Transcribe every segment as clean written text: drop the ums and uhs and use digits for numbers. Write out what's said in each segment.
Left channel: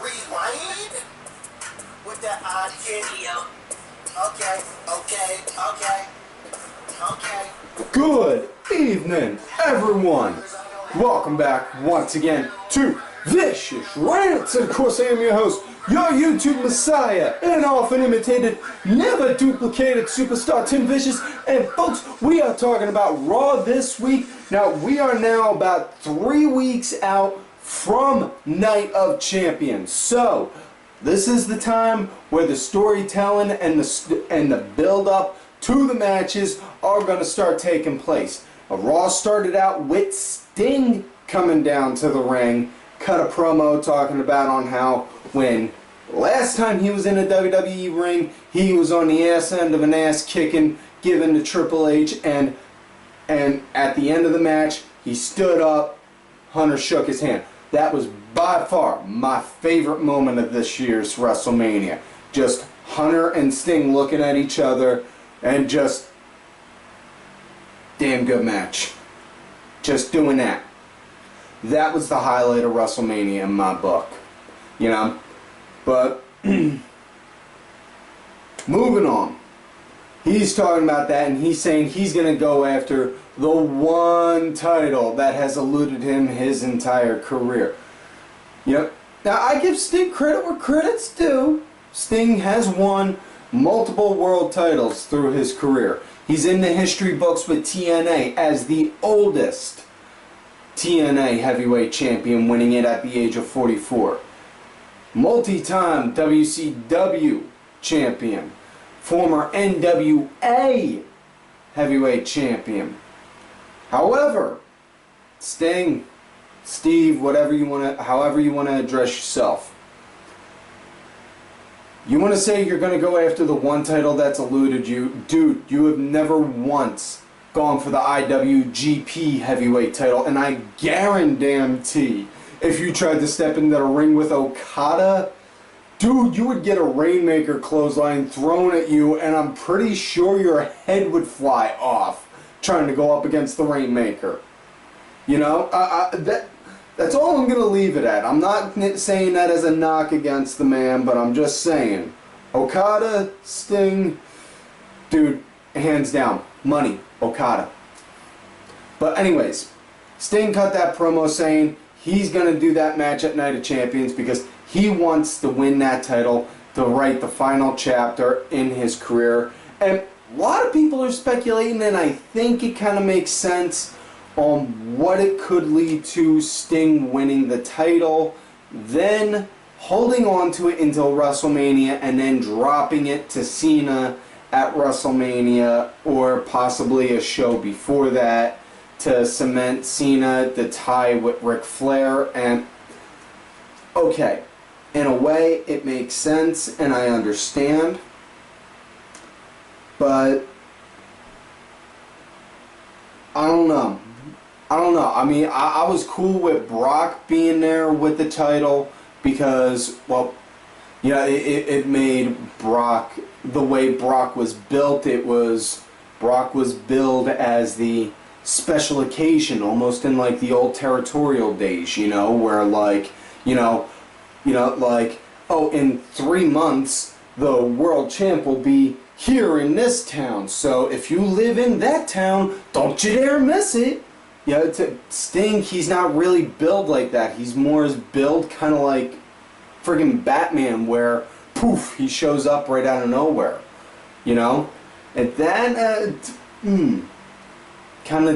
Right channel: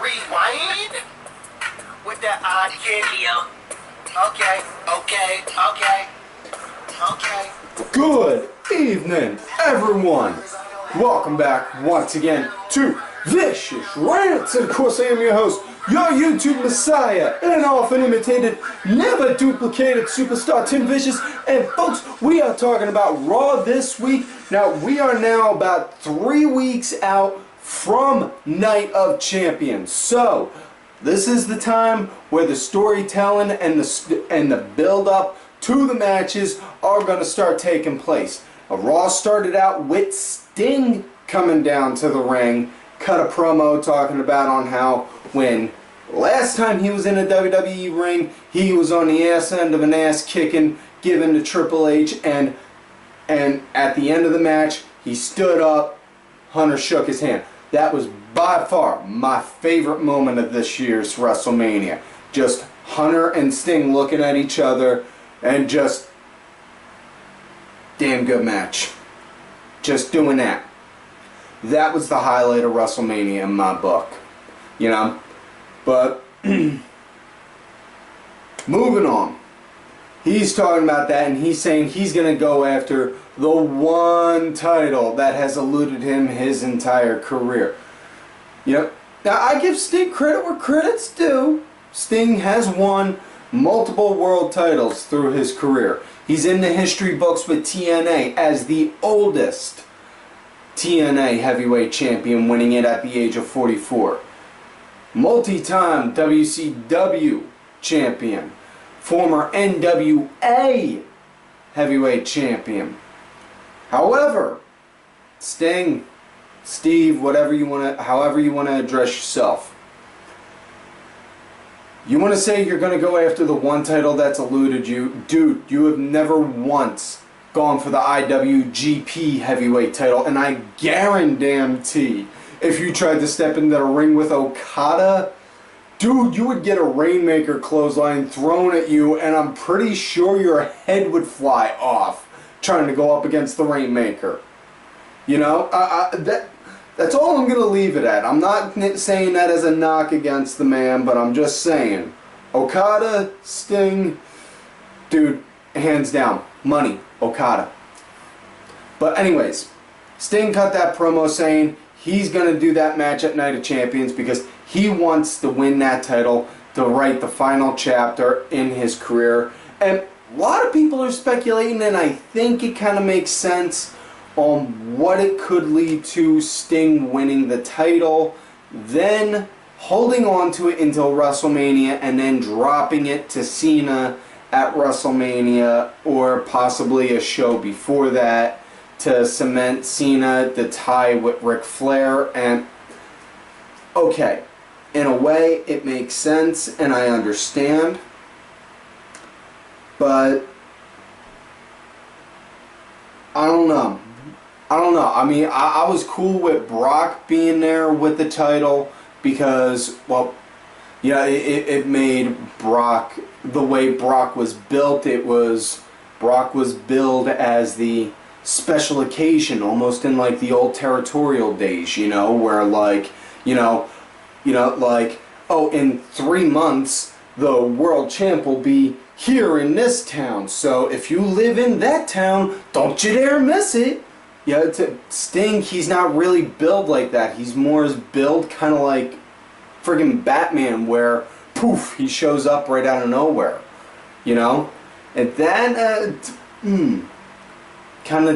Rewind with that odd kid. Okay. Good evening, everyone. Welcome back once again to Vicious Rants. And of course, I am your host, your YouTube messiah, and often imitated, never duplicated superstar Tim Vicious. And folks, we are talking about Raw this week. Now, we are now about 3 weeks out from Night of Champions. So, this is the time where the storytelling and the build-up to the matches are going to start taking place. Raw started out with Sting coming down to the ring, cut a promo talking about on how when last time he was in a WWE ring, he was on the ass end of an ass kicking given to Triple H, and at the end of the match, he stood up, Hunter shook his hand. That was by far my favorite moment of this year's WrestleMania. Just Hunter and Sting looking at each other and just damn good match. Just doing that. That was the highlight of WrestleMania in my book. You know? But moving on. He's talking about that, and he's saying he's going to go after the one title that has eluded him his entire career. Yep. Now, I give Sting credit where credit's due. Sting has won multiple world titles through his career. He's in the history books with TNA as the oldest TNA heavyweight champion, winning it at the age of 44. Multi-time WCW champion. Former NWA heavyweight champion. However, Sting, Steve, however you want to address yourself. You want to say you're going to go after the one title that's eluded you? Dude, you have never once gone for the IWGP heavyweight title, and I guarantee if you tried to step into the ring with Okada, dude, you would get a Rainmaker clothesline thrown at you, and I'm pretty sure your head would fly off trying to go up against the Rainmaker. You know, that's all I'm going to leave it at. I'm not saying that as a knock against the man, but I'm just saying, Okada, Sting, dude, hands down, money, Okada. But anyways, Sting cut that promo saying he's going to do that match at Night of Champions because he wants to win that title to write the final chapter in his career. And a lot of people are speculating, and I think it kind of makes sense on what it could lead to Sting winning the title, then holding on to it until WrestleMania, and then dropping it to Cena at WrestleMania, or possibly a show before that to cement Cena the tie with Ric Flair. And okay, in a way it makes sense and I understand, but I don't know. I mean, I was cool with Brock being there with the title because, well, yeah, it made Brock, the way Brock was built, Brock was billed as the special occasion, almost in like the old territorial days, you know, where like, like, oh, in 3 months, the world champ will be here in this town, so if you live in that town, don't you dare miss it. Yeah, Sting, he's not really built like that. He's more built kind of like friggin' Batman, where poof, he shows up right out of nowhere, you know. And that kind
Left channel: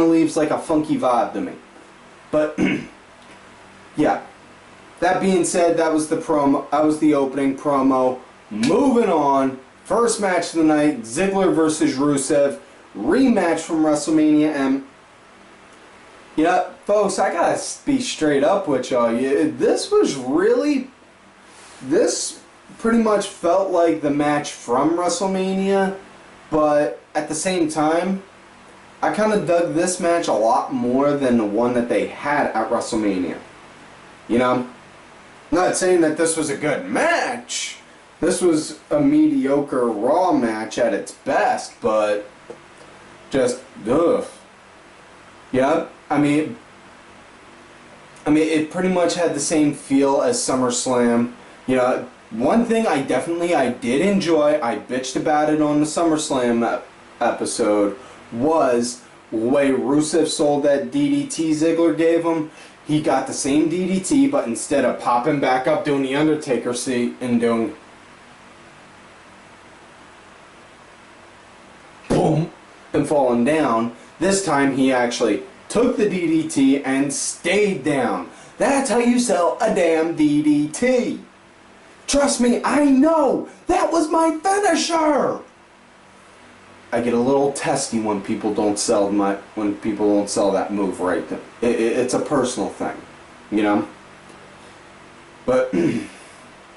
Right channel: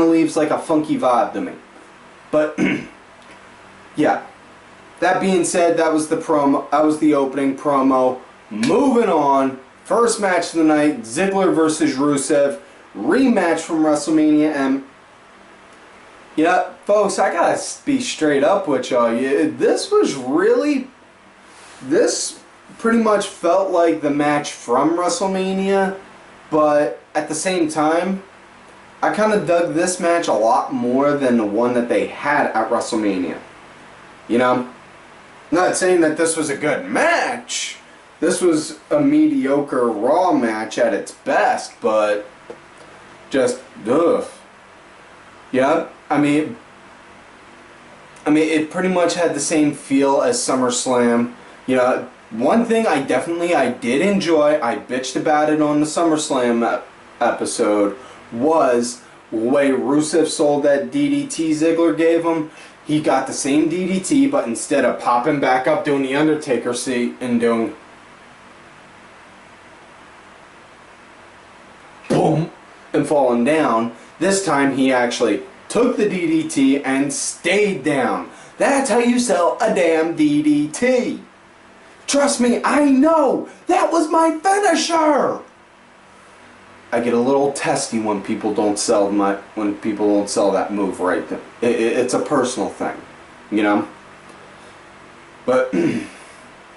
of leaves like a funky vibe to me. But yeah. That being said, that was the promo. That was the opening promo. Moving on, first match of the night: Ziggler versus Rusev. Rematch from WrestleMania, and yeah, folks, I gotta be straight up with y'all. This pretty much felt like the match from WrestleMania, but at the same time, I kind of dug this match a lot more than the one that they had at WrestleMania. You know, not saying that this was a good match. This was a mediocre Raw match at its best, but just, ugh. Yeah, I mean, I mean, it pretty much had the same feel as SummerSlam. You know, one thing I did enjoy, I bitched about it on the SummerSlam episode, was the way Rusev sold that DDT Ziggler gave him. He got the same DDT, but instead of popping back up doing the Undertaker seat and doing boom and falling down, this time he actually took the DDT and stayed down. That's how you sell a damn DDT. Trust me, I know. That was my finisher. I get a little testy when people don't sell that move right. It's a personal thing, you know. But you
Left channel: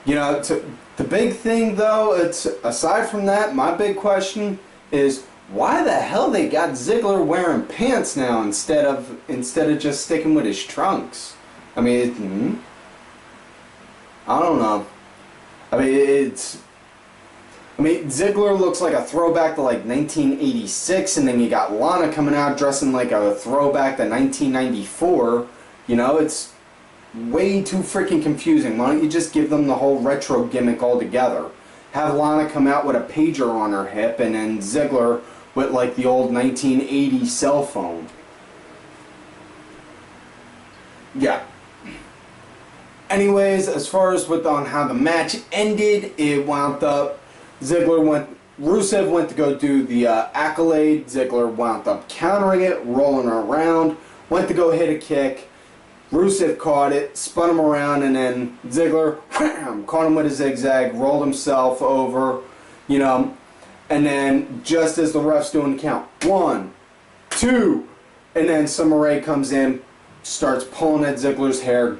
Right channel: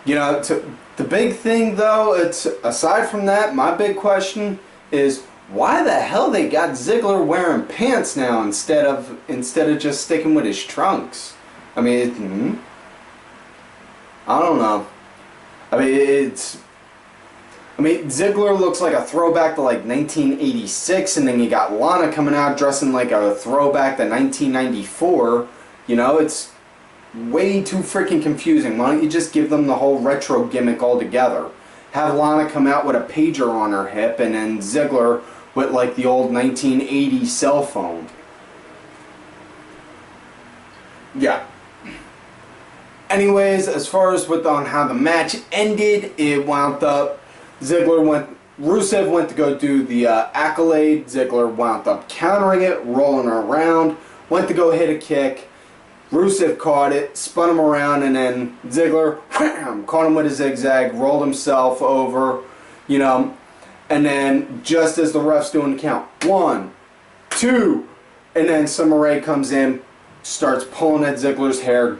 know, the big thing though, it's aside from that, my big question is why the hell they got Ziggler wearing pants now instead of just sticking with his trunks? I mean, I don't know. I mean, Ziggler looks like a throwback to like 1986, and then you got Lana coming out dressing like a throwback to 1994. You know, it's way too freaking confusing. Why don't you just give them the whole retro gimmick altogether? Have Lana come out with a pager on her hip, and then Ziggler with like the old 1980 cell phone. Yeah. Anyways, as far as on how the match ended, it wound up Rusev went to go do the accolade. Ziggler wound up countering it, rolling her around, went to go hit a kick. Rusev caught it, spun him around, and then Ziggler wham, caught him with a zigzag, rolled himself over, you know, and then just as the ref's doing the count, 1, 2, and then Summer Rae comes in, starts pulling at Ziggler's hair,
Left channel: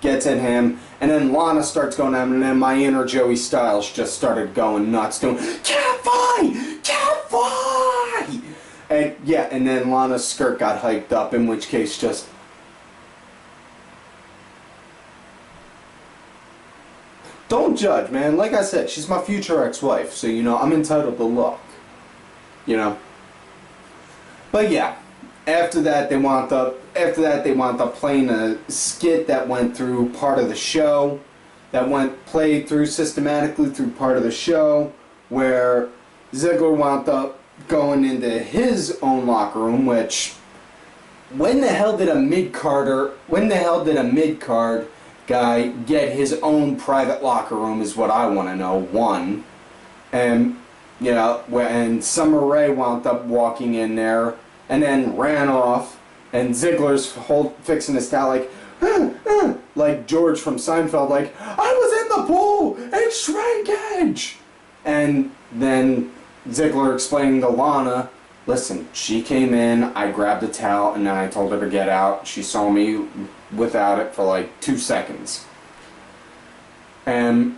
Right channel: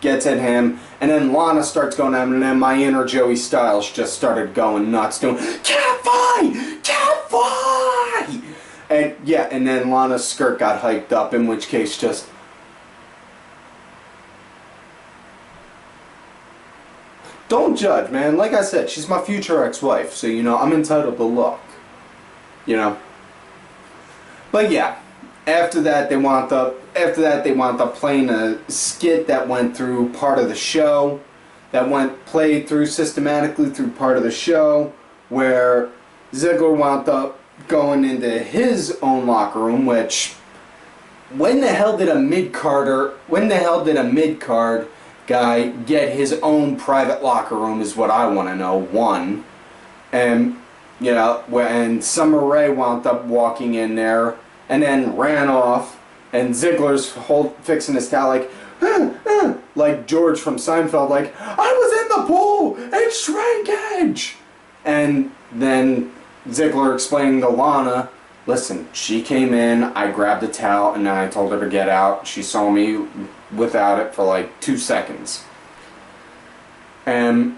gets at him, and then Lana starts going at him, and then my inner Joey Styles just started going nuts, doing cat fight, and yeah, and then Lana's skirt got hyped up, in which case just don't judge, man. Like I said, she's my future ex-wife, so you know I'm entitled to look, you know. But yeah. After that, they wound up playing a skit that went through part of the show, played through systematically through part of the show, where Ziggler wound up going into his own locker room. Which, when the hell did a mid-card guy get his own private locker room? Is what I want to know. One, and you know, when Summer Rae wound up walking in there. And then ran off, and Ziggler's fixing his towel like George from Seinfeld, like, I was in the pool, and shrinkage! And then Ziggler explaining to Lana, listen, she came in, I grabbed a towel, and then I told her to get out. She saw me without it for like 2 seconds. And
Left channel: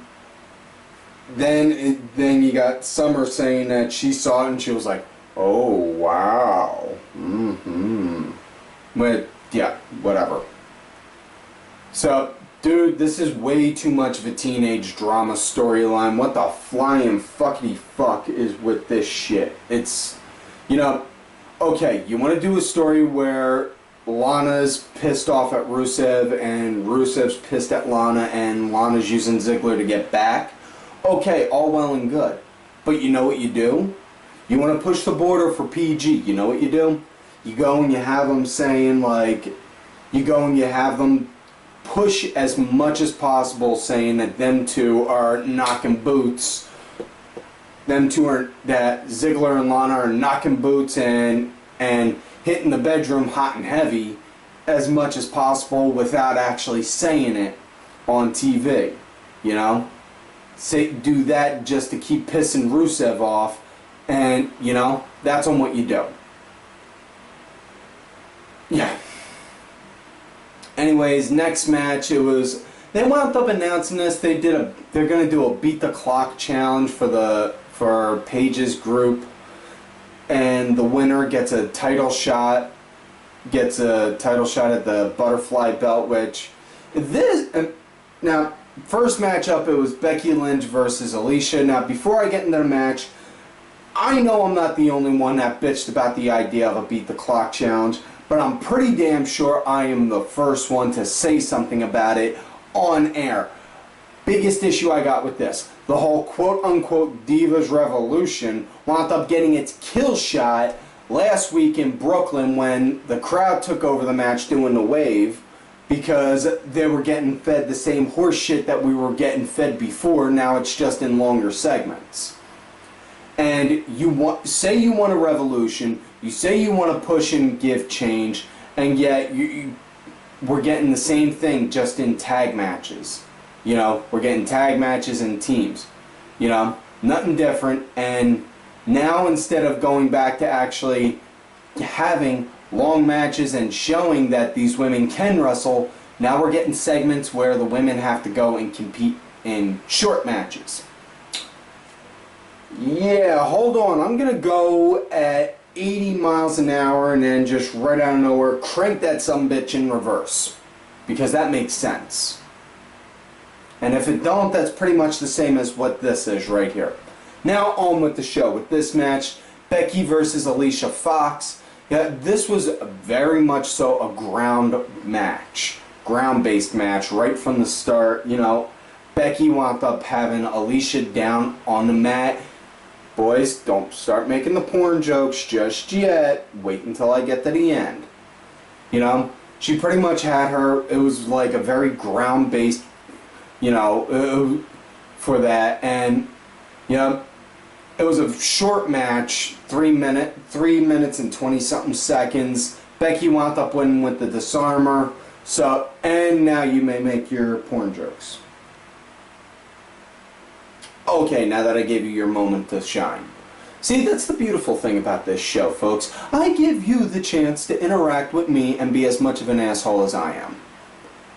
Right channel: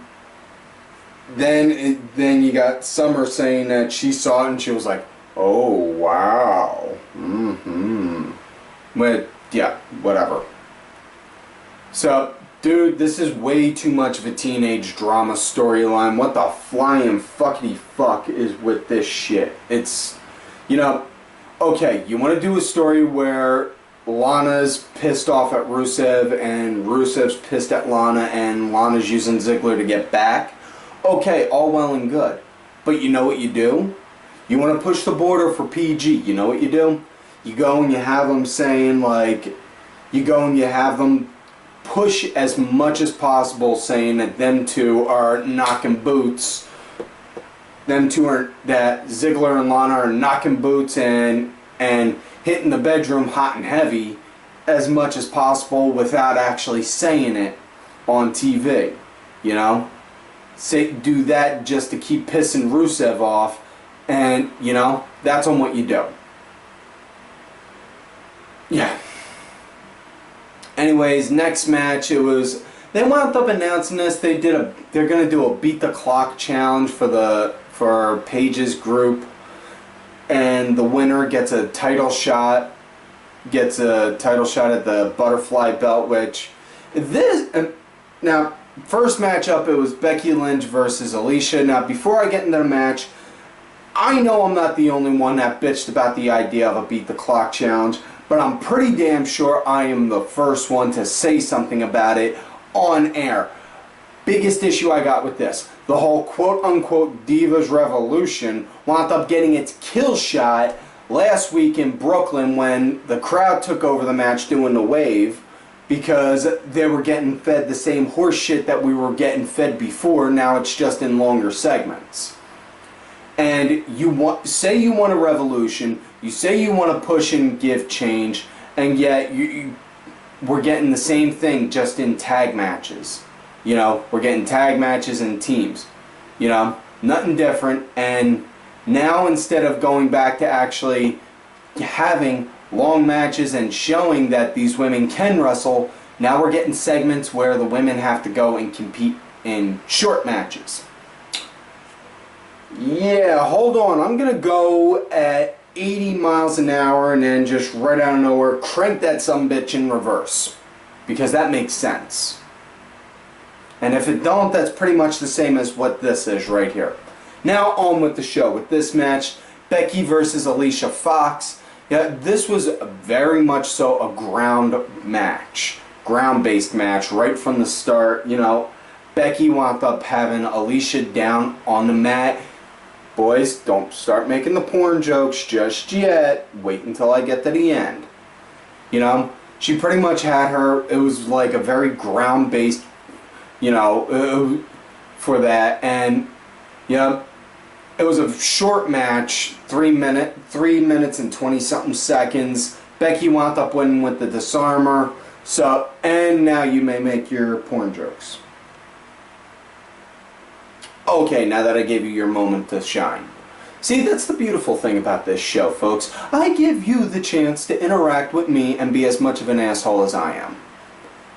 then you got Summer saying that she saw it, and she was like, oh, wow. But, yeah, whatever. So, dude, this is way too much of a teenage drama storyline. What the flying fuckity fuck is with this shit? It's, you know, okay, you want to do a story where Lana's pissed off at Rusev and Rusev's pissed at Lana and Lana's using Ziggler to get back? Okay, all well and good. But you know what you do? You want to push the border for PG. You know what you do? You go and you have them saying, like, you go and you have them push as much as possible saying that them two are knocking boots. That Ziggler and Lana are knocking boots and hitting the bedroom hot and heavy as much as possible without actually saying it on TV. You know? Do that just to keep pissing Rusev off. And, you know, that's on what you do. Yeah. Anyways, next match, they wound up announcing this. They're gonna do a beat the clock challenge for Paige's group, and the winner gets a title shot at the butterfly belt. Which now first matchup, it was Becky Lynch versus Alicia. Now before I get into the match, I know I'm not the only one that bitched about the idea of a beat the clock challenge, but I'm pretty damn sure I am the first one to say something about it on air. Biggest issue I got with this, the whole quote-unquote Divas Revolution wound up getting its kill shot last week in Brooklyn when the crowd took over the match doing the wave, because they were getting fed the same horse shit that we were getting fed before. Now it's just in longer segments. And say you want a revolution, you say you want to push and give change, and yet we're getting the same thing just in tag matches. You know, we're getting tag matches and teams. You know, nothing different. And now instead of going back to actually having long matches and showing that these women can wrestle, now we're getting segments where the women have to go and compete in short matches. Yeah, hold on. I'm going to go at 80 miles an hour and then just right out of nowhere crank that sumbitch in reverse, because that makes sense. And if it don't, that's pretty much the same as what this is right here. Now on with the show. With this match, Becky versus Alicia Fox. Yeah, this was very much so a ground match. Ground-based match right from the start. You know, Becky wound up having Alicia down on the mat. Boys, don't start making the porn jokes just yet. Wait until I get to the end. You know, she pretty much had her, it was like a very ground-based, you know, for that. And, you know, it was a short match, 3 minutes and 20-something seconds. Becky wound up winning with the disarmer. So, and now you may make your porn jokes. Okay, now that I gave you your moment to shine. See, that's the beautiful thing about this show, folks. I give you the chance to interact with me and be as much of an asshole as I am.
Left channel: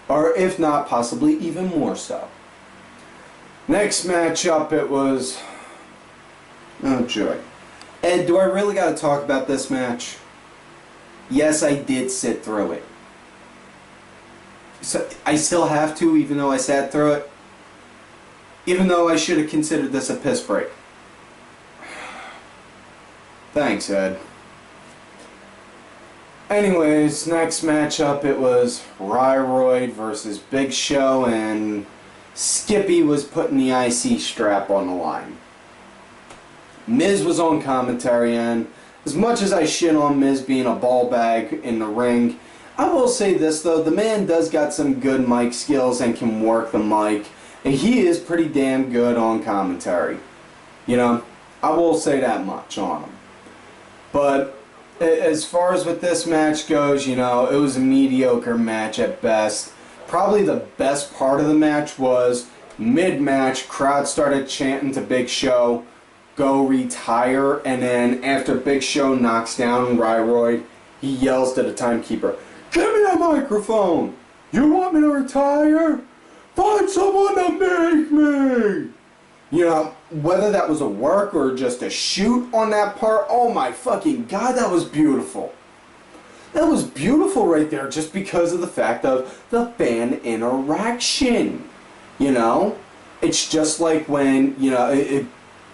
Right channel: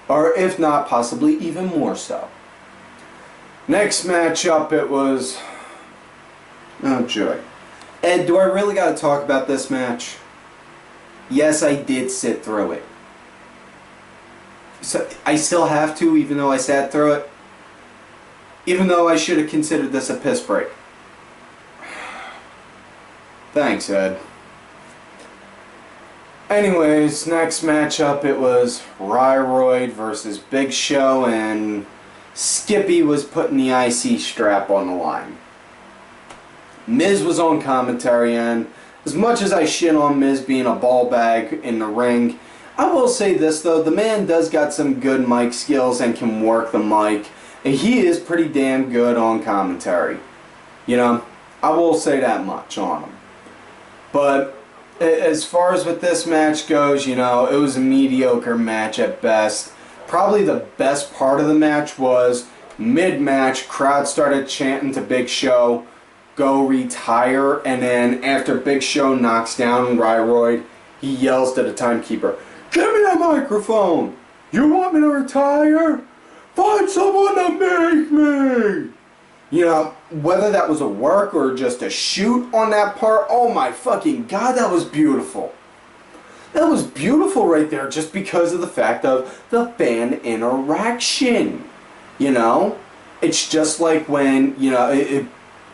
Or if not, possibly even more so. Next matchup, it was... oh joy. Ed, do I really gotta talk about this match? Yes, I did sit through it. So I still have to, even though I sat through it. Even though I should have considered this a piss break. Thanks, Ed. Anyways, next matchup, it was Ryroyd versus Big Show, and Skippy was putting the IC strap on the line. Miz was on commentary, and as much as I shit on Miz being a ball bag in the ring, I will say this though, the man does got some good mic skills and can work the mic, and he is pretty damn good on commentary. You know, I will say that much on him. But as far as with this match goes, you know, it was a mediocre match at best. Probably the best part of the match was mid-match, crowd started chanting to Big Show, "Go retire," and then after Big Show knocks down Ryroyd, he yells to the timekeeper, "Give me that microphone! You want me to retire? Find someone to make me!" You know, whether that was a work or just a shoot on that part, oh my fucking god, that was beautiful. That was beautiful right there, just because of the fact of the fan interaction. You know? It's just like when, you know,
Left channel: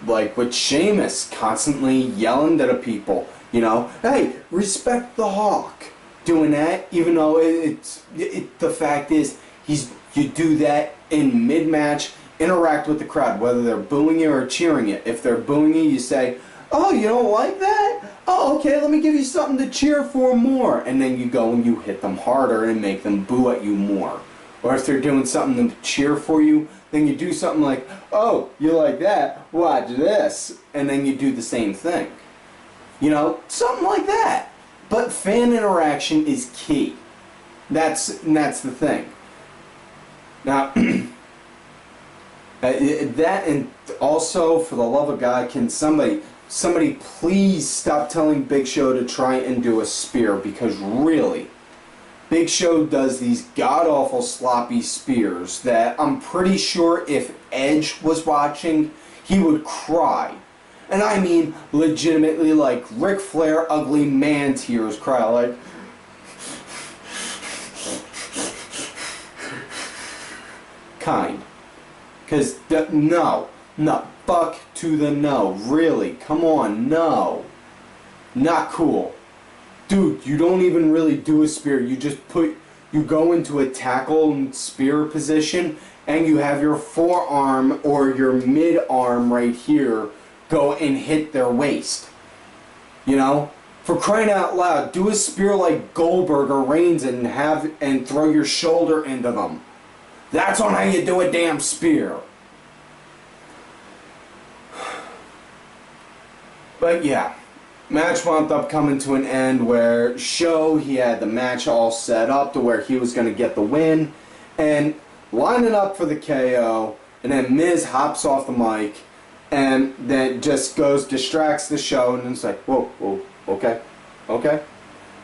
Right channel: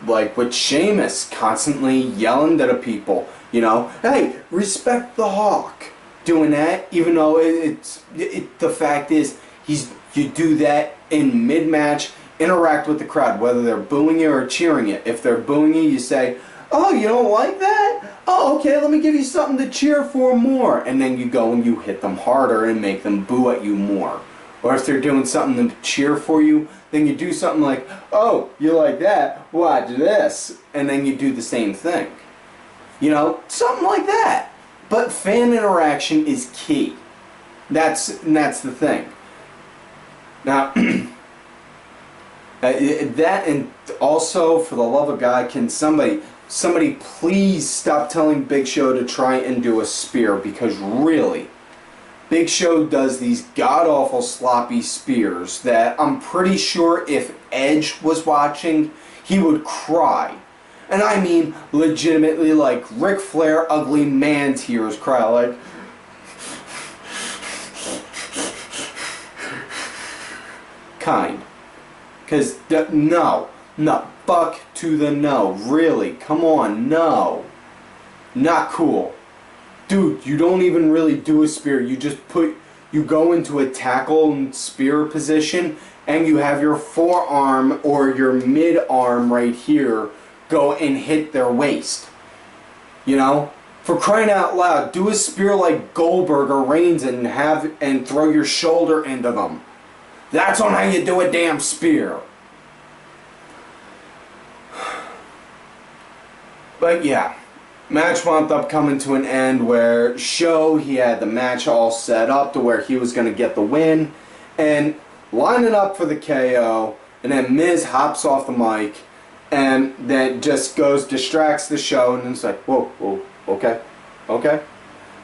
like with Sheamus constantly yelling to the people, you know, "Hey, respect the Hawk." Doing that, even though the fact is, you do that in mid-match, interact with the crowd, whether they're booing you or cheering you. If they're booing you, you say, "Oh, you don't like that? Oh, okay, let me give you something to cheer for more." And then you go and you hit them harder and make them boo at you more. Or if they're doing something to cheer for you, then you do something like, "Oh, you like that? Watch this." And then you do the same thing. You know, something like that. But fan interaction is key. That's the thing. Now, that, and also, for the love of God, can somebody please stop telling Big Show to try and do a spear, because really, Big Show does these god-awful sloppy spears that I'm pretty sure if Edge was watching, he would cry. And I mean legitimately, like Ric Flair ugly man tears cry, like kind. Because no, fuck to the no, really, come on, no, not cool. dude, you don't even really do a spear. You just you go into a tackle and spear position, and you have your forearm or your mid-arm right here go and hit their waist. You know? For crying out loud, do a spear like Goldberg or Reigns and throw your shoulder into them. That's on how you do a damn spear. But yeah, match wound up coming to an end where he had the match all set up to where he was going to get the win and lining up for the KO, and then Miz hops off the mic and then just distracts the show, and it's like, whoa, okay.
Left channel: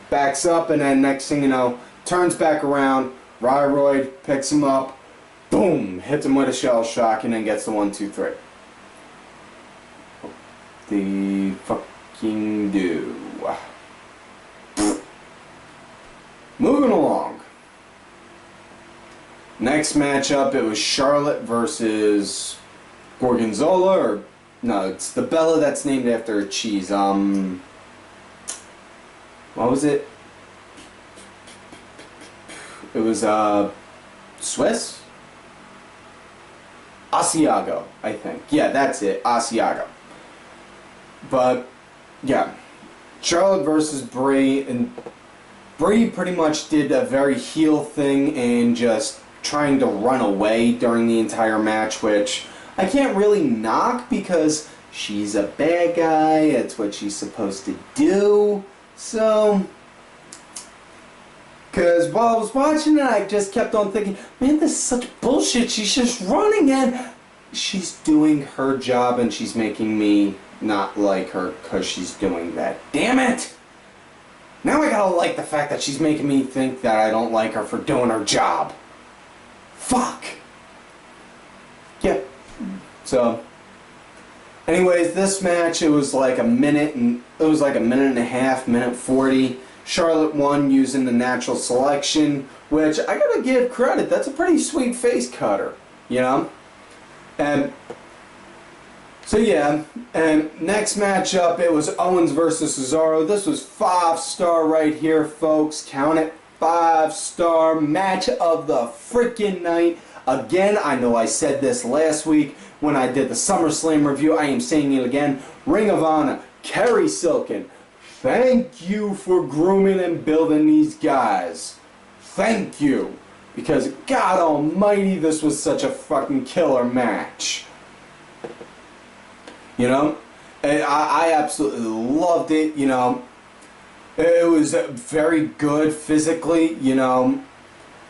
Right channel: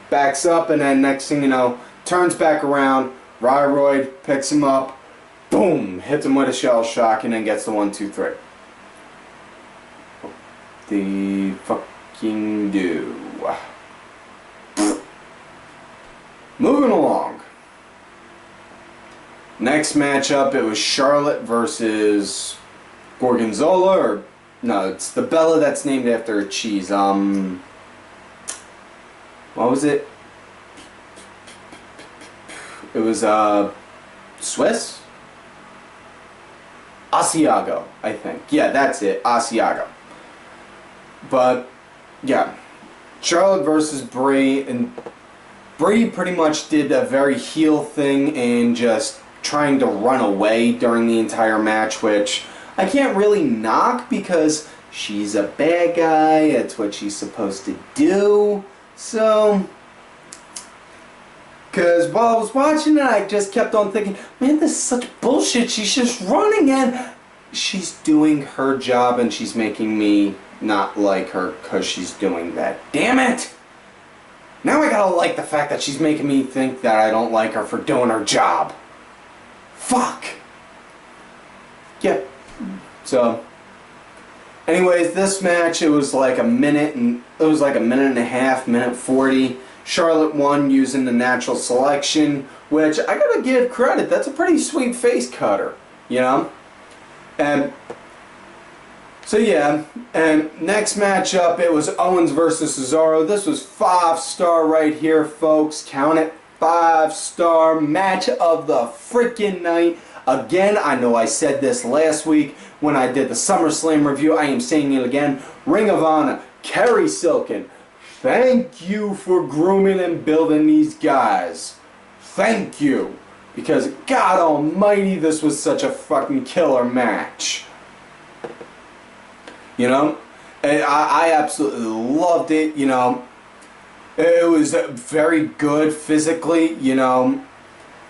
Backs up, and then next thing you know, turns back around, Ryroyd picks him up, boom, hits him with a shell shock, and then gets the 1, 2, 3. The fucking do. Moving along. Next matchup, it was Charlotte versus Gorgonzola, or no, it's the Bella that's named after a cheese. What was it? It was Swiss? Asiago, I think. Yeah, that's it. Asiago. But yeah, Charlotte versus Brie, and Brie pretty much did a very heel thing and just trying to run away during the entire match, which I can't really knock because she's a bad guy. It's what she's supposed to do. So, because while I was watching it, I just kept on thinking, man, this is such bullshit. She's just running, and she's doing her job, and she's making me not like her because she's doing that. Damn it! Now I gotta like the fact that she's making me think that I don't like her for doing her job. Fuck! Yeah. So, anyways, this match, it was like a minute and a half, minute 40. Charlotte won using the natural selection, which I gotta give credit. That's a pretty sweet face cutter, you know? And so yeah, and next matchup, it was Owens versus Cesaro. This was 5-star right here, folks. Count it. 5-star match of the freaking night. Again, I know I said this last week when I did the SummerSlam review. I am saying it again. Ring of Honor, Kerry Silkin. Thank you for grooming and building these guys. Thank you. Because, God almighty, this was such a fucking killer match. You know? And I absolutely loved it, you know. It was very good physically, you know.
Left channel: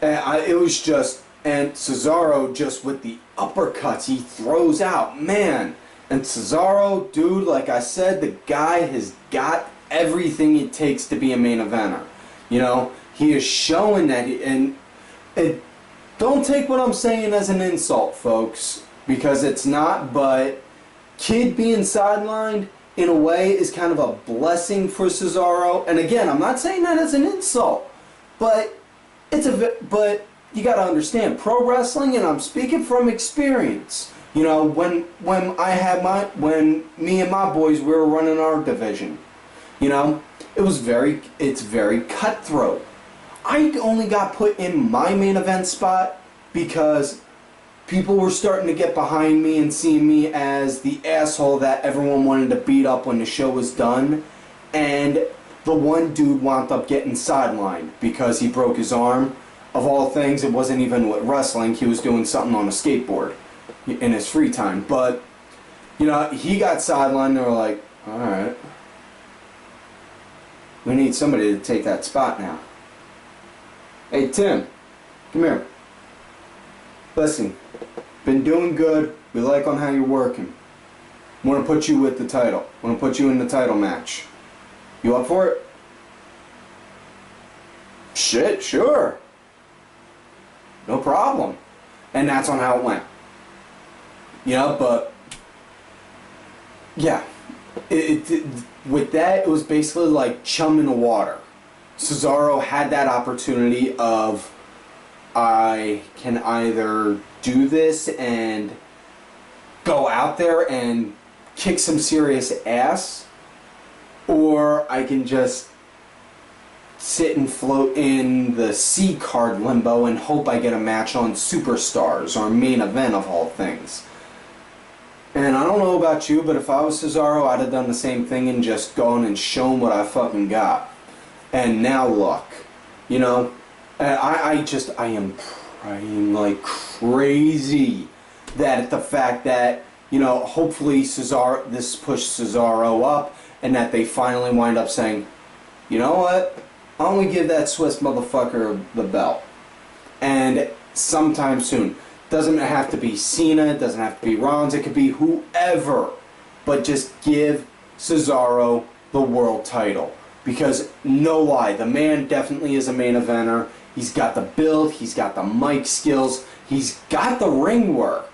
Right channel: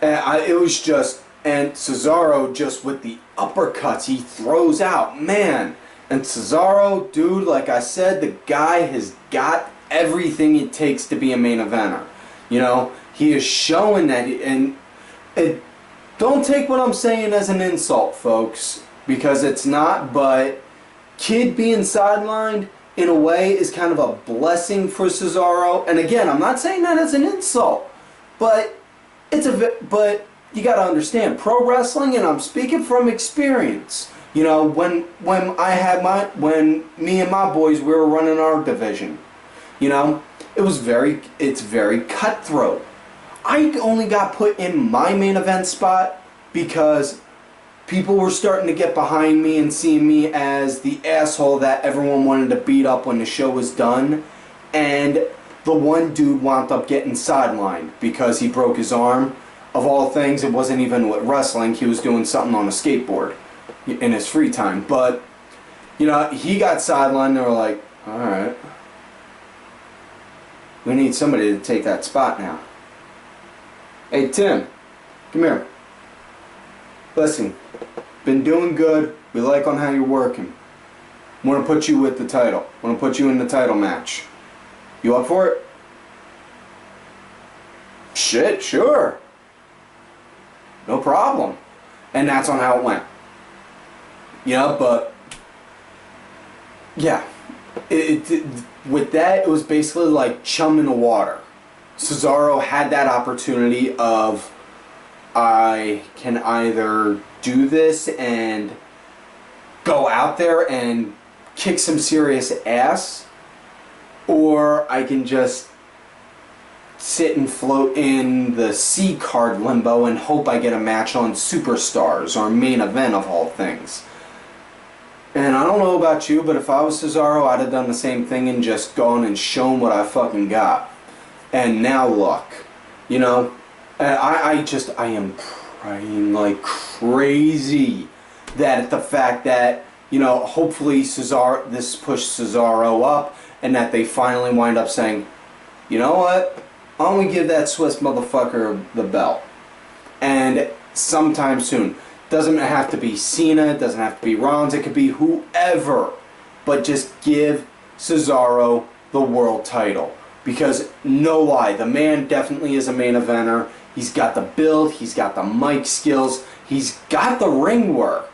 And it was just... And Cesaro, just with the uppercuts he throws out, man. And Cesaro, dude, like I said, the guy has got everything it takes to be a main eventer. You know, he is showing that, and don't take what I'm saying as an insult, folks, because it's not, but Kid being sidelined, in a way, is kind of a blessing for Cesaro. And again, I'm not saying that as an insult, but but you got to understand, pro wrestling, and I'm speaking from experience. You know, when me and my boys, we were running our division, you know, it's very cutthroat. I only got put in my main event spot because people were starting to get behind me and see me as the asshole that everyone wanted to beat up when the show was done. And the one dude wound up getting sidelined because he broke his arm. Of all things, it wasn't even with wrestling. He was doing something on a skateboard in his free time. But, you know, he got sidelined. They were like, alright, we need somebody to take that spot now. Hey, Tim, come here. Listen, been doing good. We like on how you're working. Want to put you with the title. Want to put you in the title match. You up for it? Shit, sure. No problem. And that's on how it went. You know, but yeah, with that, it was basically like chum in the water. Cesaro had that opportunity of, I can either do this and go out there and kick some serious ass, or I can just sit and float in the C card limbo and hope I get a match on Superstars or main event of all things. And I don't know about you, but if I was Cesaro, I'd have done the same thing and just gone and shown what I fucking got. And now look, you know, I am praying like crazy that the fact that, you know, hopefully this pushed Cesaro up, and that they finally wind up saying, you know what, I'm gonna give that Swiss motherfucker the belt. And sometime soon. Doesn't have to be Cena, it doesn't have to be Rollins, it could be whoever. But just give Cesaro the world title. Because, no lie, the man definitely is a main eventer. He's got the build, he's got the mic skills, he's got the ring work.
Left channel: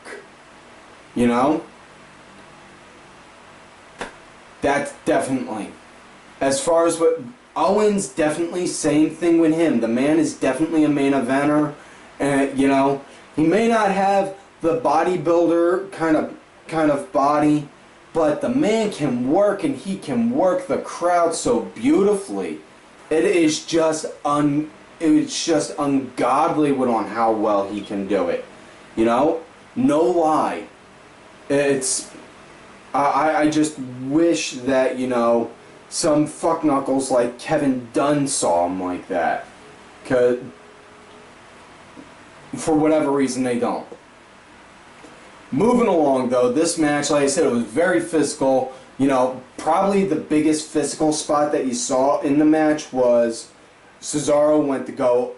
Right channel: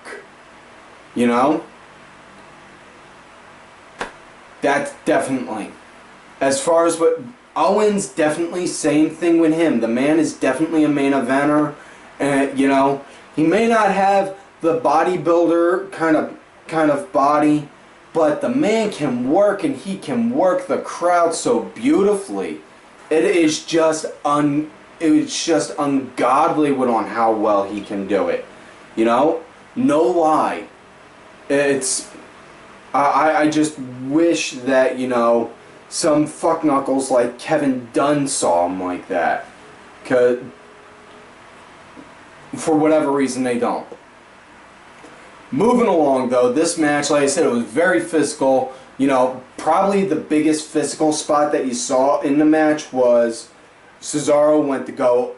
You know? That's definitely. As far as what Owens, definitely same thing with him. The man is definitely a main eventer. And, you know, he may not have the bodybuilder kind of body, but the man can work, and he can work the crowd so beautifully. It's just ungodly on how well he can do it. You know? No lie. I just wish that, you know, some fuckknuckles like Kevin Dunn saw him like that. 'Cause for whatever reason they don't. Moving along though, this match, like I said, it was very physical. You know, probably the biggest physical spot that you saw in the match was Cesaro went to go,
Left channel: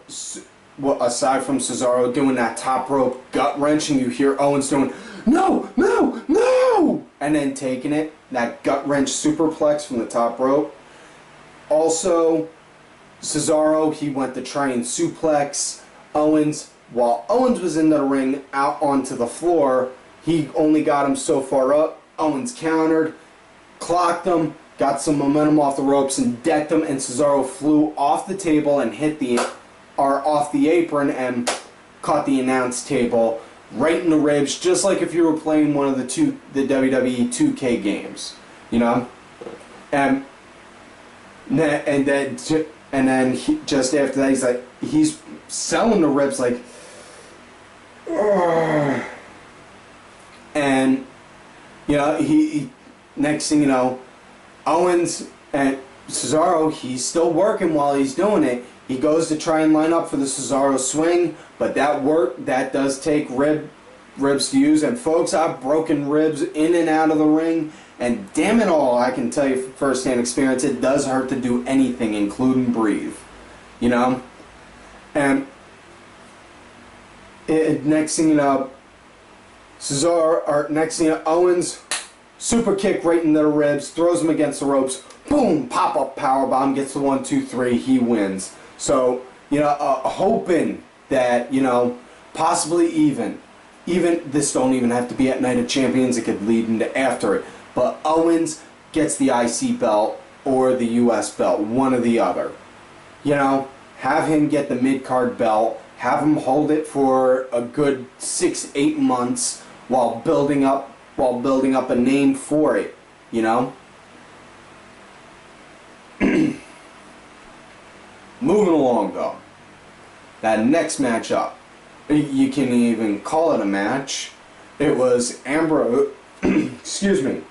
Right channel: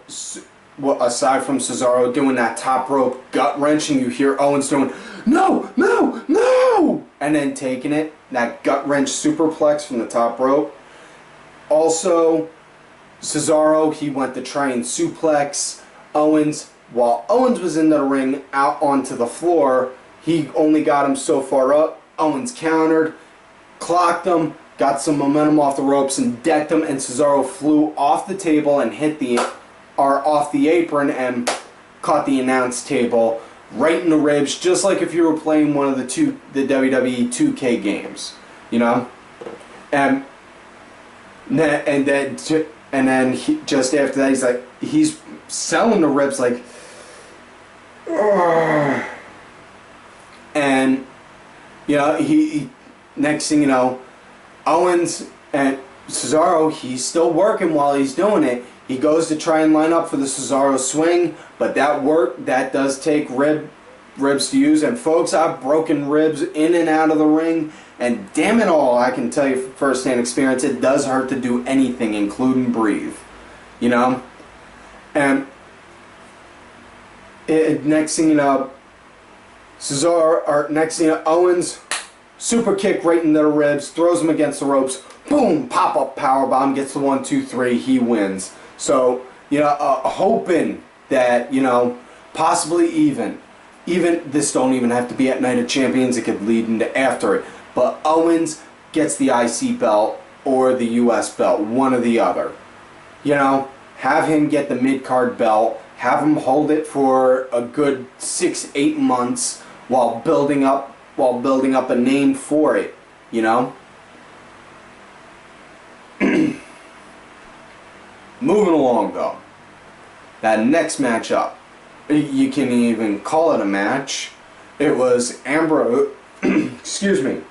aside from Cesaro doing that top rope gut wrench, and you hear Owens doing, no, no, no! And then taking it, that gut wrench superplex from the top rope. Also, Cesaro, he went to try and suplex Owens. While Owens was in the ring, out onto the floor, he only got him so far up. Owens countered, clocked him, got some momentum off the ropes, and decked him, and Cesaro flew off the table and off the apron and caught the announce table right in the ribs, just like if you were playing one of the WWE 2K games, you know. And then just after that, he's selling the ribs like, ugh. And you know, he next thing you know, Owens and Cesaro, he's still working while he's doing it. He goes to try and line up for the Cesaro swing, but that does take ribs to use. And folks, I've broken ribs in and out of the ring, and damn it all, I can tell you from first-hand experience, it does hurt to do anything, including breathe. You know? And next thing you know, Owens, super kick right into the ribs, throws him against the ropes, boom, pop-up powerbomb, gets the 1, 2, 3, he wins. So, you know, hoping that, you know, possibly even this don't even have to be at Night of Champions, it could lead into after it. But Owens gets the IC belt or the US belt, one or the other. You know, have him get the mid-card belt, have him hold it for a good 6-8 months while building up a name for it, you know? Moving along though, that next matchup, you can even call it a match. It was Ambrose, excuse me,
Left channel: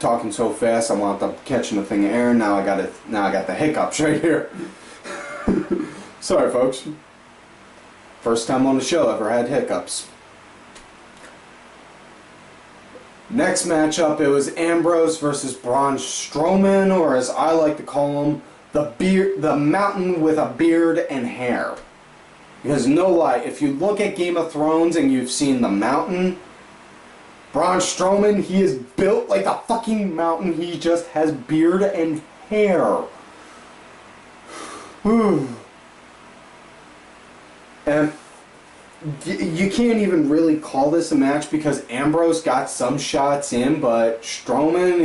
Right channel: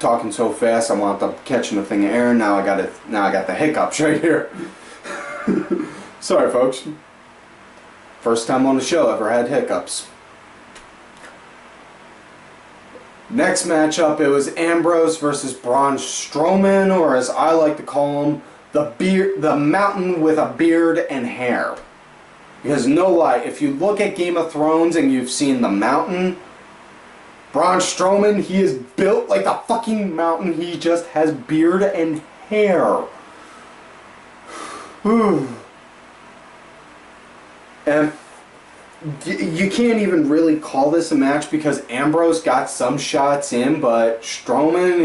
talking so fast I wound up catching a thing of air. Now I got the hiccups right here. Sorry folks, first time on the show ever had hiccups. Next matchup, it was Ambrose versus Braun Strowman, or as I like to call him, the mountain with a beard and hair. Because no lie, if you look at Game of Thrones and you've seen the mountain, Braun Strowman, he is built like a fucking mountain. He just has beard and hair. And you can't even really call this a match because Ambrose got some shots in, but Strowman,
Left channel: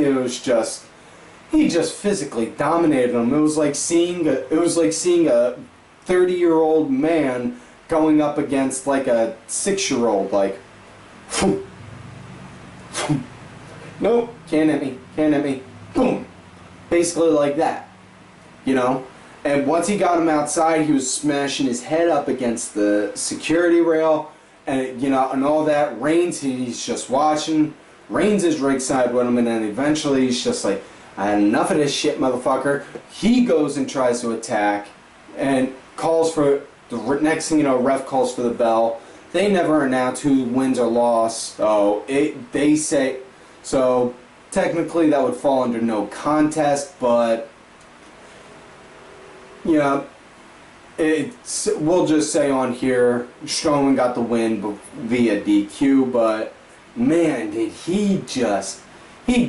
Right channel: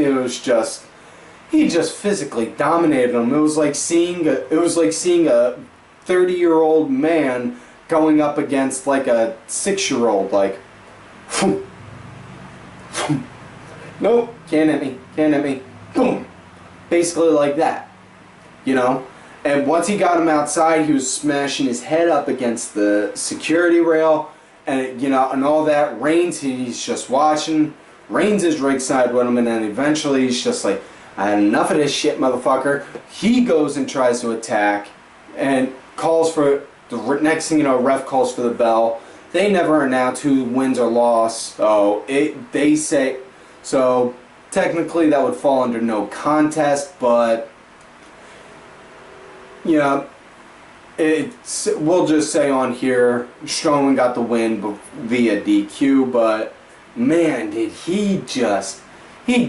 he just physically dominated him. It was like seeing a 30-year-old man going up against like a 6-year-old, like, nope, can't hit me, boom, basically like that, you know. And once he got him outside, he was smashing his head up against the security rail, and and all that. Reigns, he's just watching. Reigns is ringside with him, and then eventually he's just like, I had enough of this shit, motherfucker. He goes and tries to attack, and calls for the next thing you know, ref calls for the bell. They never announce who wins or lost, so they say so. Technically, that would fall under no contest, but we'll just say on here, Strowman got the win via DQ. But man, did he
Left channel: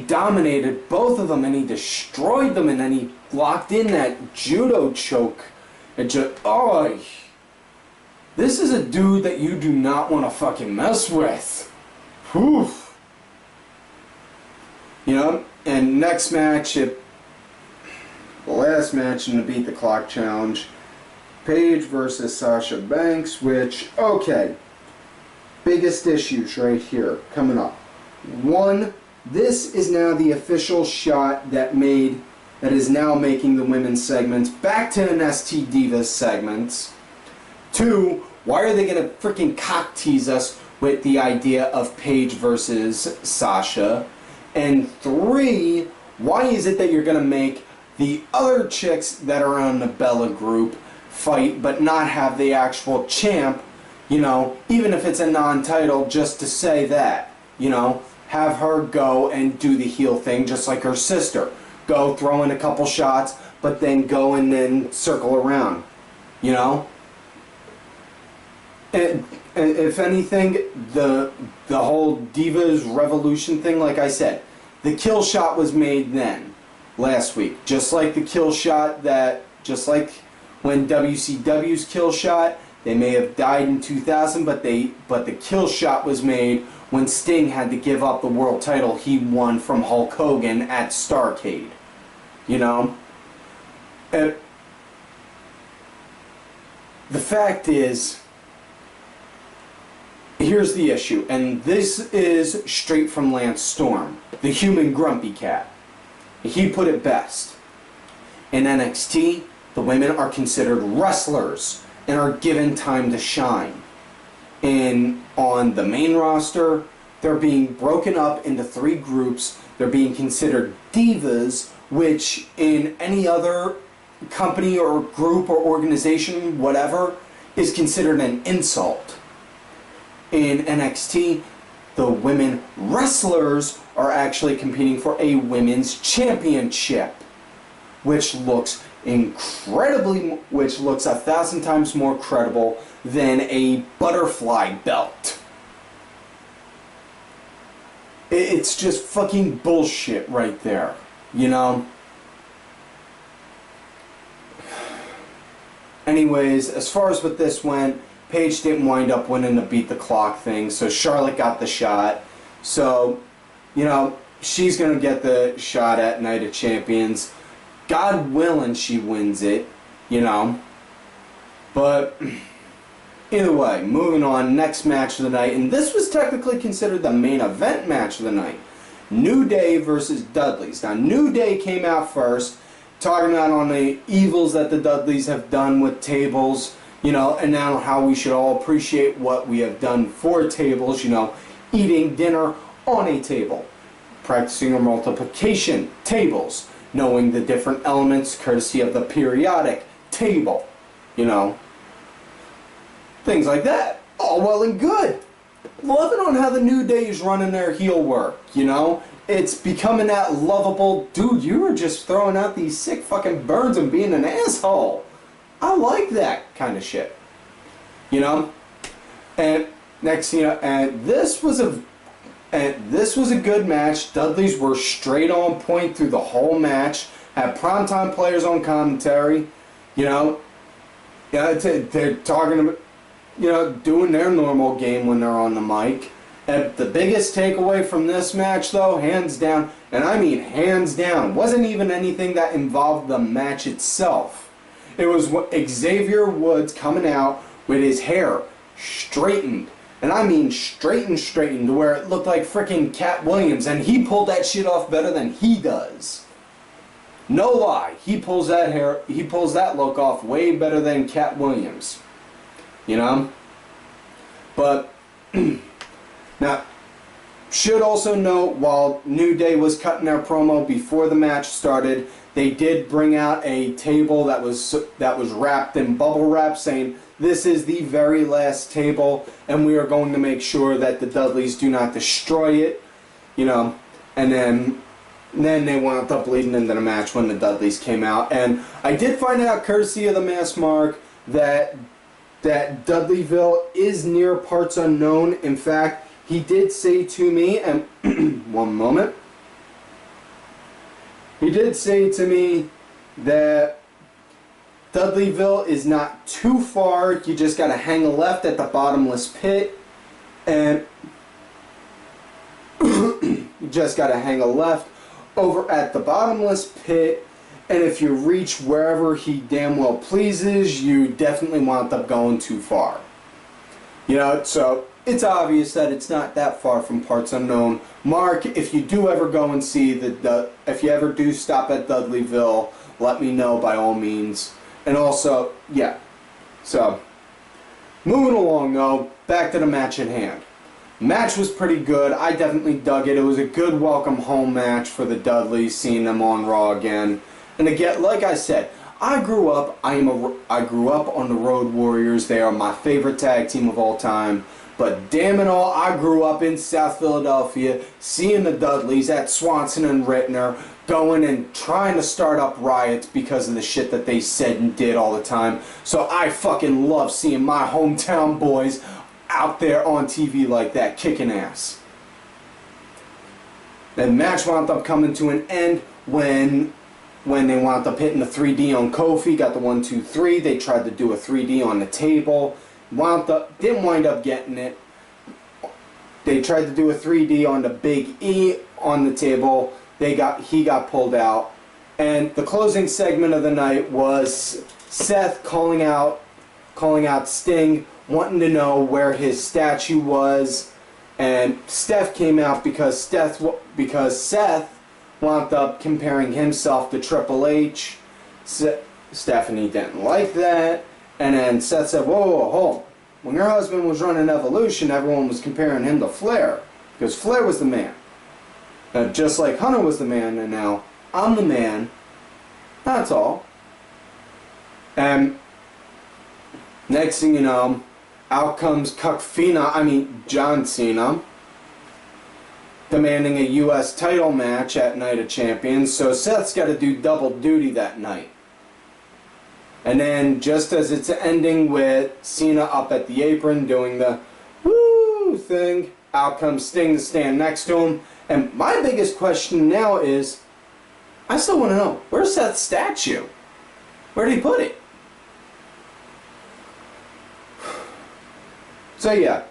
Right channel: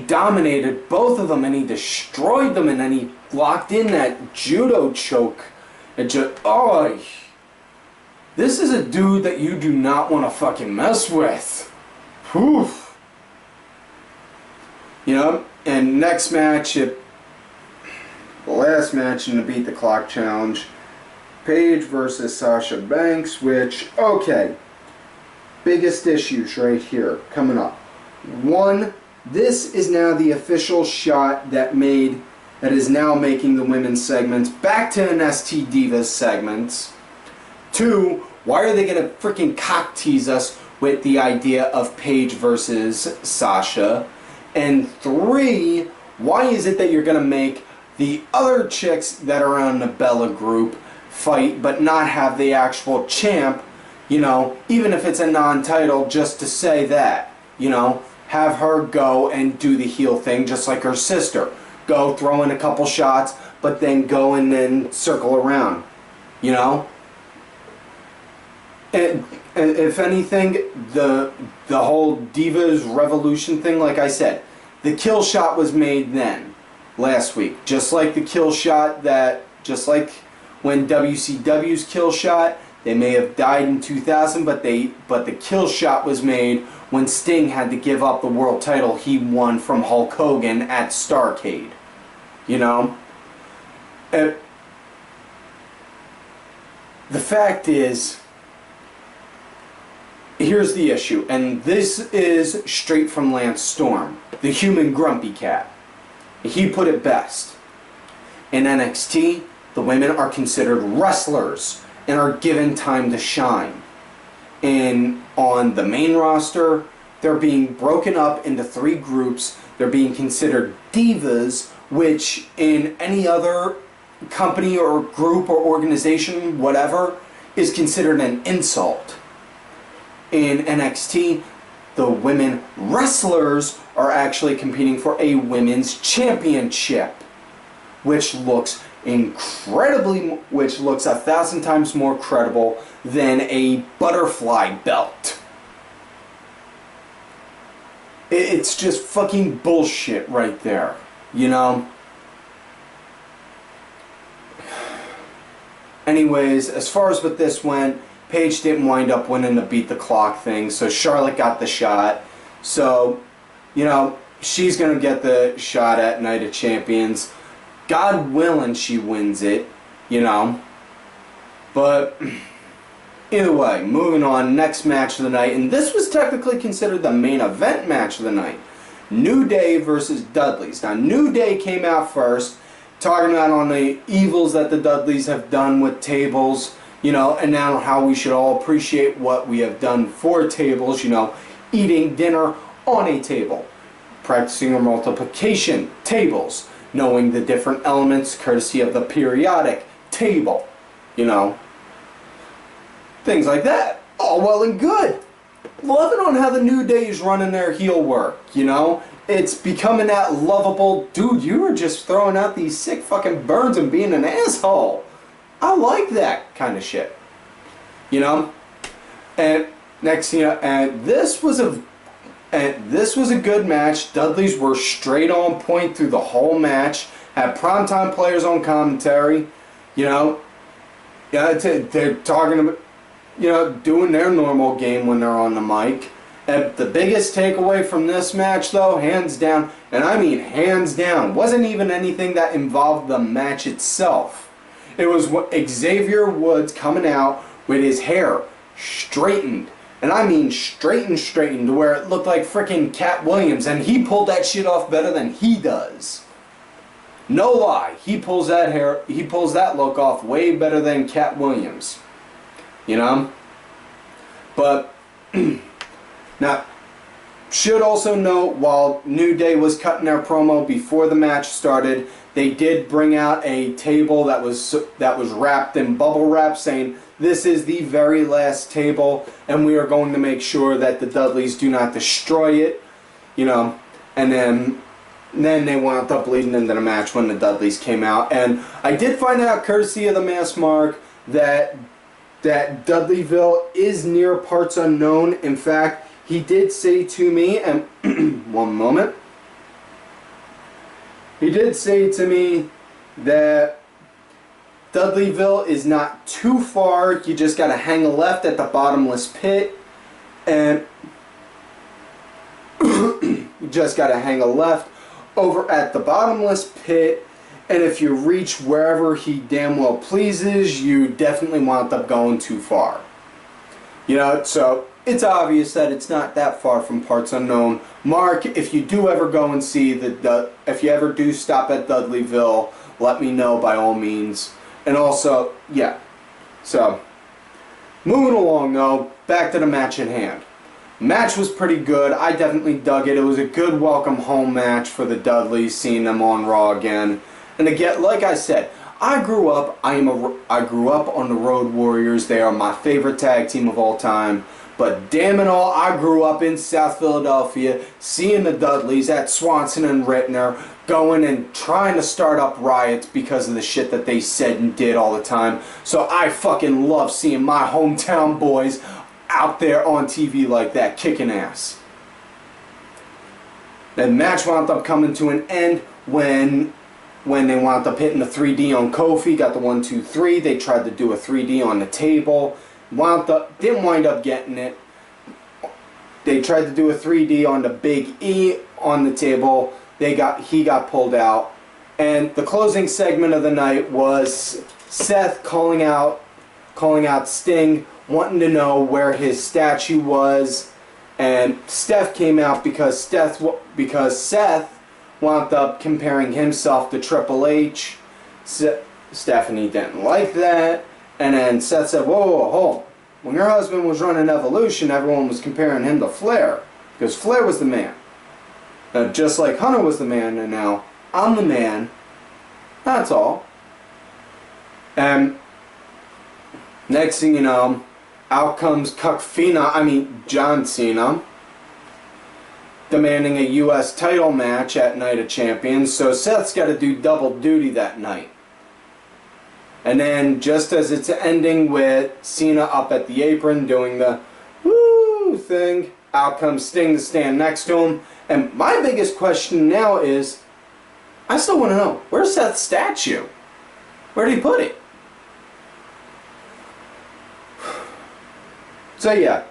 dominated both of them, and he destroyed them, and then he locked in that judo choke. And this is a dude that you do not want to fucking mess with. Whew. And next match, the last match in the Beat the Clock Challenge, Paige versus Sasha Banks, which, okay, biggest issues right here coming up. One, this is now the official shot that is now making the women's segments back to an ST Divas segments. Two, why are they going to freaking cock tease us with the idea of Paige versus Sasha? And three, why is it that you're going to make the other chicks that are on the Bella group fight but not have the actual champ, even if it's a non-title, just to say that, have her go and do the heel thing just like her sister. Go throw in a couple shots, but then go and then circle around, And if anything, the whole Divas Revolution thing, like I said, the kill shot was made then, last week. Just like the kill shot just like when WCW's kill shot, they may have died in 2000, but the kill shot was made when Sting had to give up the world title he won from Hulk Hogan at Starrcade. The fact is, here's the issue, and this is straight from Lance Storm, the human grumpy cat. He put it best. In NXT, the women are considered wrestlers and are given time to shine. And on the main roster, they're being broken up into 3 groups. They're being considered divas, which in any other company or group or organization, whatever, is considered an insult. In NXT, the women wrestlers are actually competing for a women's championship, which looks 1,000 times more credible than a butterfly belt. It's just fucking bullshit right there, Anyways, as far as what this went, Paige didn't wind up winning the Beat the Clock thing, so Charlotte got the shot. So, she's going to get the shot at Night of Champions. God willing she wins it, But, either way, moving on, next match of the night. And this was technically considered the main event match of the night. New Day versus Dudleys. Now, New Day came out first, talking about on the evils that the Dudleys have done with tables, and now how we should all appreciate what we have done for tables, eating dinner on a table, practicing our multiplication tables, knowing the different elements courtesy of the periodic table, things like that. All well and good. Loving on how the New Day is running their heel work, It's becoming that lovable, dude, you were just throwing out these sick fucking burns and being an asshole. I like that kind of shit. And next, and this was a good match. Dudleys were straight on point through the whole match. Had primetime players on commentary. They're talking about, doing their normal game when they're on the mic. And the biggest takeaway from this match, though, hands down, and I mean hands down, wasn't even anything that involved the match itself. It was Xavier Woods coming out with his hair straightened. And I mean straightened to where it looked like frickin' Cat Williams. And he pulled that shit off better than he does. No lie, he pulls that look off way better than Cat Williams. You know? But now, should also note, while New Day was cutting their promo before the match started, they did bring out a table that was wrapped in bubble wrap, saying this is the very last table, and we are going to make sure that the Dudleys do not destroy it. You know, and then they wound up leading into the match when the Dudleys came out. And I did find out, courtesy of the Mask Mark, that Dudleyville is near parts unknown. In fact, he did say to me, and one moment, he did say to me that Dudleyville is not too far. You just got to hang a left at the bottomless pit, and you just got to hang a left over at the bottomless pit, and if you reach wherever he damn well pleases, you definitely wound up going too far. You know, so it's obvious that it's not that far from parts unknown. Mark, if you do ever go and see if you ever do stop at Dudleyville, let me know by all means. And also, yeah. So, moving along though, back to the match at hand. Match was pretty good. I definitely dug it. It was a good welcome home match for the Dudleys, seeing them on Raw again. And again, like I said, I grew up on the Road Warriors. They are my favorite tag team of all time. But damn it all, I grew up in South Philadelphia, seeing the Dudleys at Swanson and Rittner, going and trying to start up riots because of the shit that they said and did all the time. So I fucking love seeing my hometown boys out there on TV like that, kicking ass. The match wound up coming to an end when they wound up hitting the 3D on Kofi, got the 1, 2, 3. They tried to do a 3D on the table. Didn't wind up getting it. They tried to do a 3D on the Big E on the table. He got pulled out. And the closing segment of the night was Seth calling out Sting, wanting to know where his statue was. And Steph came out because Seth wound up comparing himself to Triple H. Stephanie didn't like that. And then Seth said, whoa, hold on. When your husband was running Evolution, everyone was comparing him to Flair. Because Flair was the man. Just like Hunter was the man, and now I'm the man. That's all. And next thing you know, out comes John Cena, demanding a U.S. title match at Night of Champions. So Seth's got to do double duty that night. And then, just as it's ending with Cena up at the apron doing the woo thing, out comes Sting to stand next to him. And my biggest question now is, I still want to know, where's Seth's statue? Where did he put it? So yeah,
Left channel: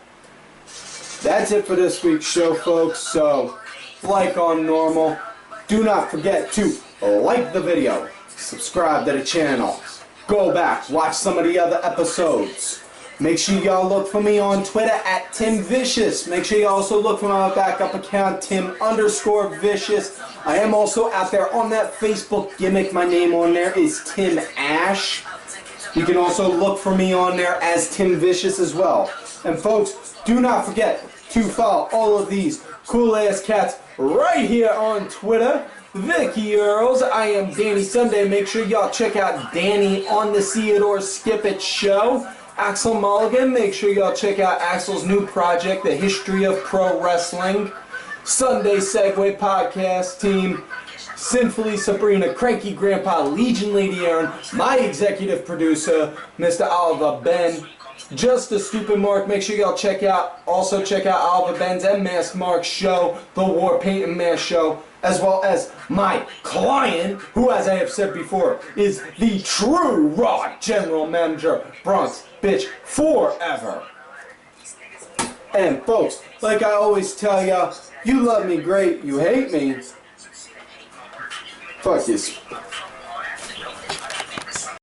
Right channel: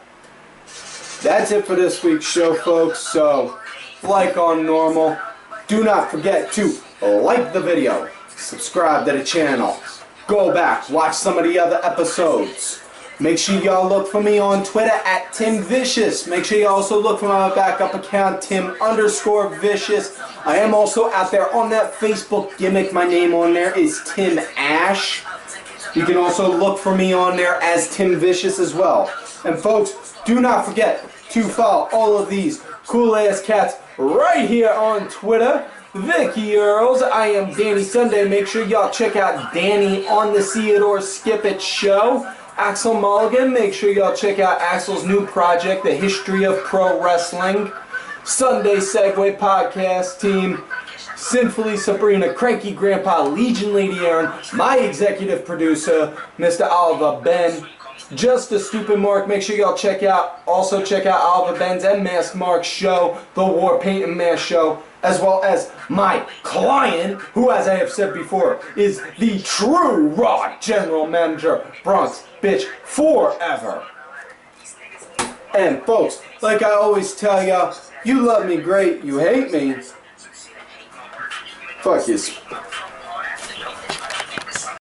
that's it for this week's show, folks. So, like on normal, do not forget to like the video, subscribe to the channel. Go back, watch some of the other episodes. Make sure y'all look for me on Twitter at TimVicious. Make sure you also look for my backup account, Tim_Vicious. I am also out there on that Facebook gimmick. My name on there is Tim Ash. You can also look for me on there as TimVicious as well. And folks, do not forget to follow all of these cool ass cats right here on Twitter. Vicky Earls, I am Danny Sunday. Make sure y'all check out Danny on the Theodore Skip It Show. Axel Mulligan, make sure y'all check out Axel's new project, The History of Pro Wrestling. Sunday Segway Podcast Team. Sinfully Sabrina, Cranky Grandpa, Legion Lady Aaron, my executive producer, Mr. Oliver Ben. Just a Stupid Mark. Make sure y'all check out Oliver Ben's and Mask Mark's show, The War Paint and Mask Show, as well as my client, who, as I have said before, is the true Raw General Manager, Bronx Bitch Forever. And folks, like I always tell y'all, you love me great, you hate me. Fuck you.